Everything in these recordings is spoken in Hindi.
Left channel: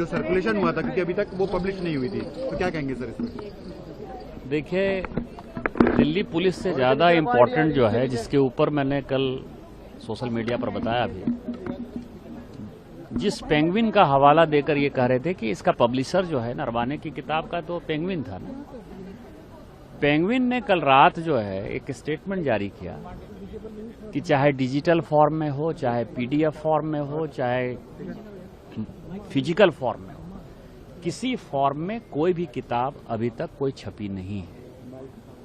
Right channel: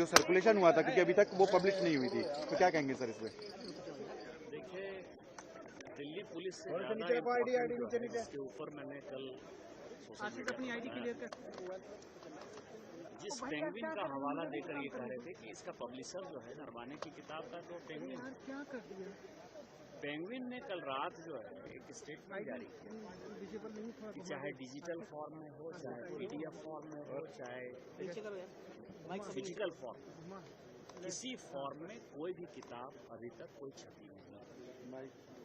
जो सर्कुलेशन हुआ था, क्योंकि अभी तक वो पब्लिश नहीं हुई थी, तो क्या कहेंगे सर इसमें? देखिए, दिल्ली पुलिस से ज़्यादा इम्पोर्टेंट जो है, जिसके ऊपर मैंने कल सोशल मीडिया पर बताया भी, जिस पेंगुइन का हवाला देकर ये कह रहे थे कि इसका पब्लिशर जो है नरवाने की किताब का, तो पेंगुइन था ना। पेंगुइन ने कल रात जो है एक स्टेटमेंट जारी किया कि चाहे डिजिटल फॉर्म में हो, चाहे पीडीएफ फॉर्म में हो, चाहे फिजिकल फॉर्म में हो, किसी फॉर्म में कोई भी किताब अभी तक कोई छपी नहीं है।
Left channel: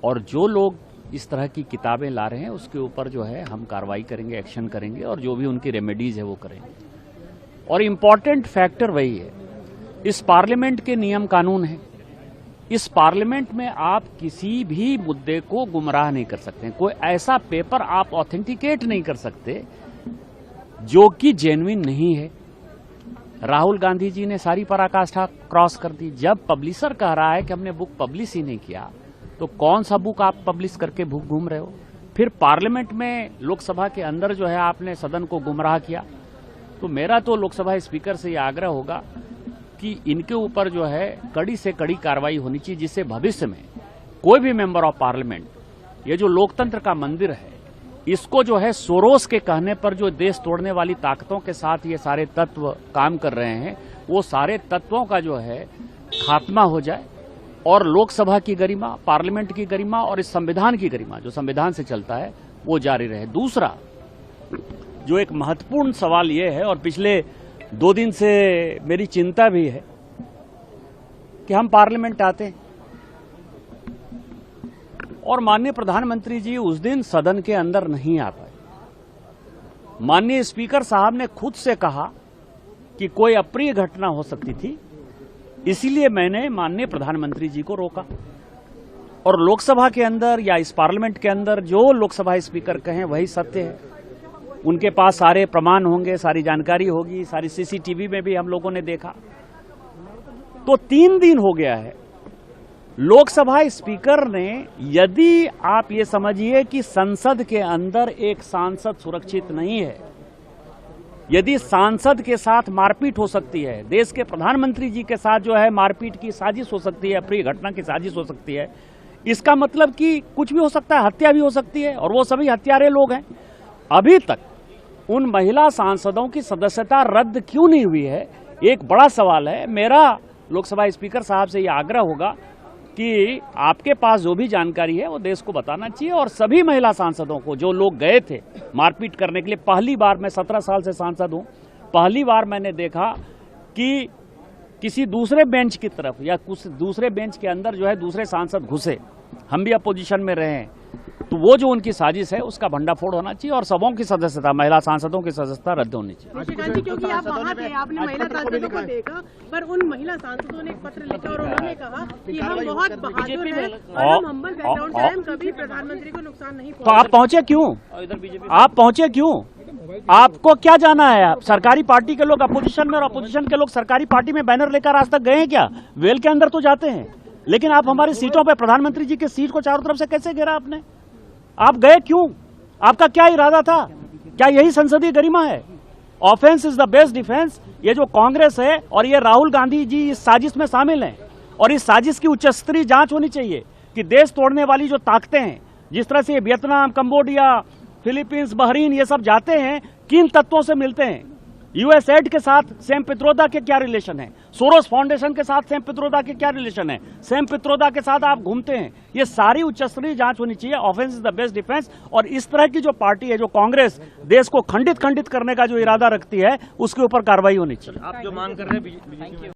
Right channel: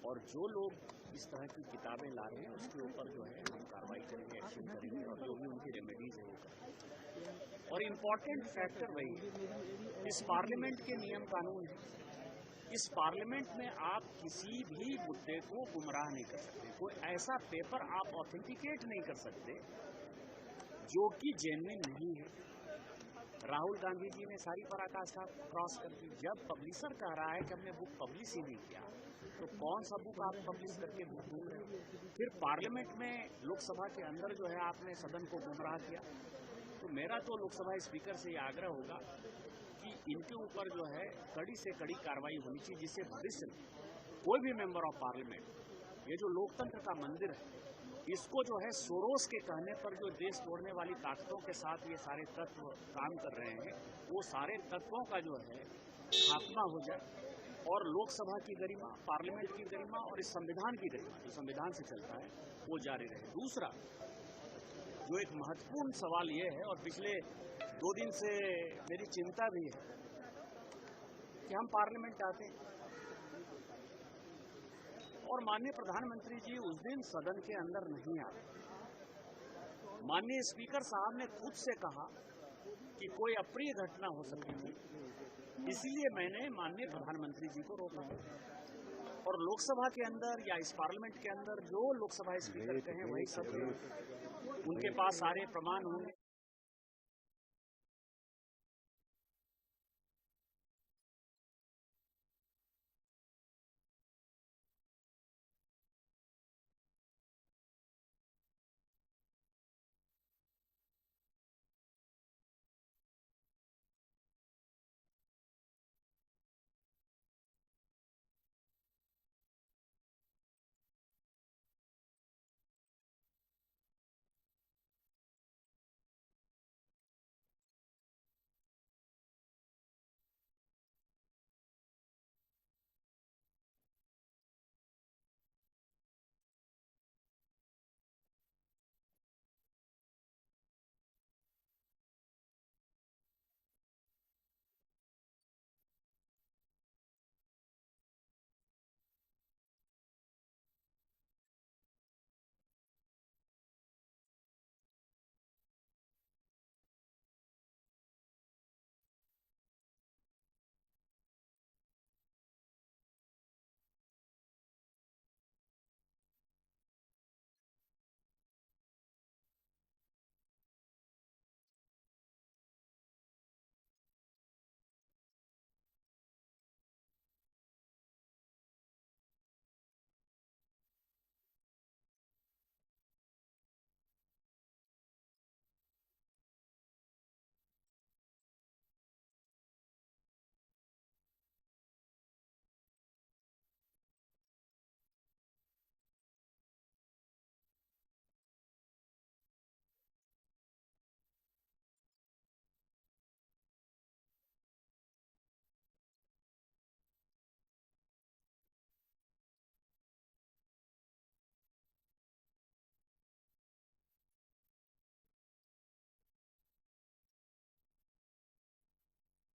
और जो लोग इस तरह की किताबें ला रहे हैं उसके ऊपर जो है हम कार्रवाई करेंगे, एक्शन करेंगे, और जो भी उनकी रेमेडीज है वो करेंगे। और इम्पॉर्टेंट फैक्टर वही है, इस पार्लियामेंट के नियम कानून हैं। इस पार्लियामेंट में आप किसी भी मुद्दे को गुमराह नहीं कर सकते। कोई ऐसा पेपर आप ऑथेंटिकेट नहीं कर सकते जो कि जेन्युइन नहीं है। राहुल गांधी जी ने सारी पराकाष्ठा क्रॉस कर दी। जब पब्लिशर कह रहा है कि हमने बुक पब्लिश ही नहीं किया, तो कौन सा बुक आप पब्लिश करके बुक घूम रहे हो? फिर पार्लियामेंट में, लोकसभा के अंदर जो है आपने सदन को गुमराह किया। तो मेरा तो लोकसभा स्पीकर से यह आग्रह होगा कि इनके ऊपर जो है कड़ी से कड़ी कार्रवाई होनी चाहिए, जिससे भविष्य में कोई भी मेंबर ऑफ पार्लियामेंट, ये जो लोकतंत्र का मंदिर है, इसको जो है सोरोस के कहने पर जो देश तोड़ने वाली ताकतों के साथ ये सारे तत्व काम कर रहे हैं, वो सारे तत्वों का जो है खात्मा हो जाए और लोकसभा की गरिमा, पार्लियामेंट की गरिमा और इस संविधान की गरिमा, जो संविधान से चलता है, वो जारी रहे। दूसरा जो एक महत्वपूर्ण सवाल ये है, और पिछले 2 दिन से मेरी चिंता भी है, कि हम पार्लियामेंट आते हैं और माननीय प्रधानमंत्री जी उस दिन सदन के अंदर नहीं आ पाए। माननीय स्पीकर साहब ने खुद से कहा कि कोई अप्रिय घटना हो सकती थी, इसीलिए मैंने माननीय प्रधानमंत्री जी को रोका। और लोकसभा के अंदर या इस पार्लियामेंट के अंदर जो लोकसभा स्पीकर कहें वही सत्य है। उनके पास सारे प्रमाण होंगे, सारी जानकारी होगी, सारी सीसीटीवी में भी हम लोगों ने देखा। तो 3 दिन हो गया है, लोकसभा स्पीकर ने, यदि आप ये समझिए कि संसद के अंदर एक सांसद सुरक्षित नहीं है, यदि सांसद के साथ मारपीट हो सकती है, देश के प्रधानमंत्री जी के साथ जो है मारपीट की साजिश हो सकती है, अप्रिय घटना की साजिश हो सकती है, इसका मतलब कि कुछ भी हो सकता है, हत्या भी हो सकती है, और वो सभी हत्यारे लोग हैं। अभी तक उन महिला सांसदों की सदस्यता रद्द क्यों नहीं हुई है, एक बड़ा सवाल है। मेरा लोकसभा स्पीकर साहब से यह आग्रह होगा कि आपके पास जो भी जानकारी है वो देश को बताना चाहिए, और सभी महिला सांसदों को, जो लोग गए थे मारपीट करने के लिए, पहली बार, मैं 17 साल से सांसद हूं, पहली बार मैंने देखा कि किसी दूसरे बेंच की तरफ या कुछ दूसरे बेंच के अंदर जो है दूसरे सांसद घुसे, हम भी अपोजिशन में रहे हैं। तो वो जो उनकी साजिश है उसका भंडाफोड़ होना चाहिए, और सबों की सदस्यता, महिला सांसदों की सदस्यता रद्द होनी चाहिए। क्योंकि आप वहाँ थे, आपने महिला सांसदों को देखा, पर उन महिला सांसदों ने एक पत्र लिखा और उन्होंने कहा कि हम बहुत बहादुर हैं और हम हम्बल बैकग्राउंड से हैं, हम कभी प्रधानमंत्री को नुकसान नहीं पहुंचाएंगे। तो आप पहुंचे क्यों? आप पहुंचे क्यों? आपको क्या जाना है? आप सरकारी पार्टी के लोग अपोजिशन में और अपोजिशन के लोग सरकारी पार्टी में बैनर लेकर आज तक गए हैं क्या? वेल के अंदर तो जाते हैं, लेकिन आप हमारी सीटों पे, प्रधानमंत्री जी की सीट को चारों तरफ से कैसे घेरा आपने? आप गए क्यों? आपका क्या इरादा था? क्या यही संसदीय गरिमा है? Offence is the best defence. ये जो कांग्रेस है और ये राहुल गांधी जी इस साजिश में शामिल हैं, और इस साजिश की उच्च स्तरीय जांच होनी चाहिए कि देश तोड़ने वाली जो ताकतें हैं, जिस तरह से वियतनाम, कंबोडिया, फिलीपींस, बहरीन, ये सब जाते हैं, किन तत्वों से मिलते हैं? यूएसएड के साथ सैम पित्रोदा के क्या रिलेशन है? सोरोस फाउंडेशन के साथ सैम पित्रोदा के क्या रिलेशन है? सैम पित्रोदा के साथ आप घूमते हैं। ये सारी उच्च स्तरीय जांच होनी चाहिए। Offence is the best defence. और इस तरह की जो पार्टी है, जो कांग्रेस देश को खंडित करने का जो इरादा रखती है, उसके ऊपर कार्रवाई होनी चाहिए। आप जो मांग कर रहे हैं